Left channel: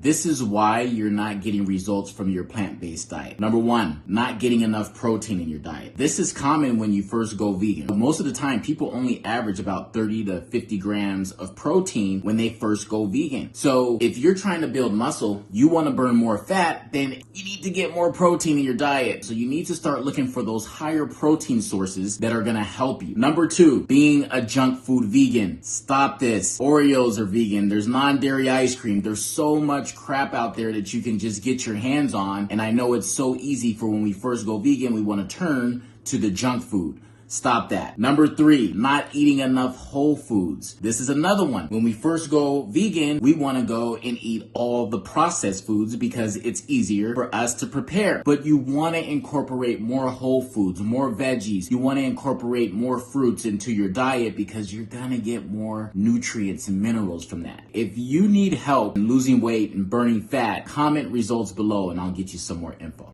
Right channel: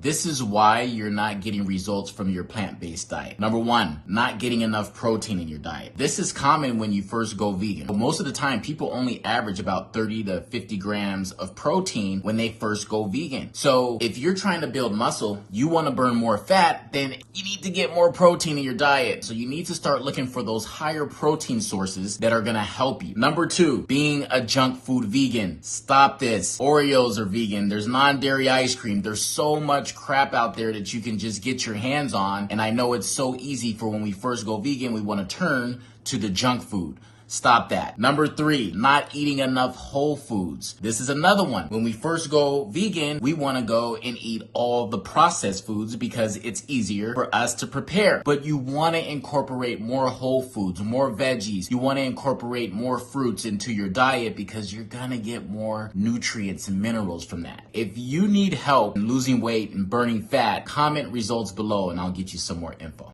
This is why you're not getting results from your plant-based diet. Number one, not getting enough protein in your diet. This is common when you first go vegan. Most of the time, people only average about 30 to 50 grams of protein when they first go vegan. So if you're trying to build muscle, you want to burn more fat, then you need to get more protein in your diet. So you need to start looking for those higher protein sources that are going to help you. Number two, being a junk food vegan. Stop this. Oreos are vegan. There's non-dairy ice cream. There's so much crap out there that you can just get your hands on. And I know it's so easy for when we first go vegan, we want to turn to the junk food. Stop that. Number three, not eating enough whole foods. This is another one. When we first go vegan, we want to go and eat all the processed foods because it's easier for us to prepare. But you want to incorporate more whole foods, more veggies. You want to incorporate more fruits into your diet because you're going to get more nutrients and minerals from that. If you need help in losing weight and burning fat, comment results below and I'll get you some more info.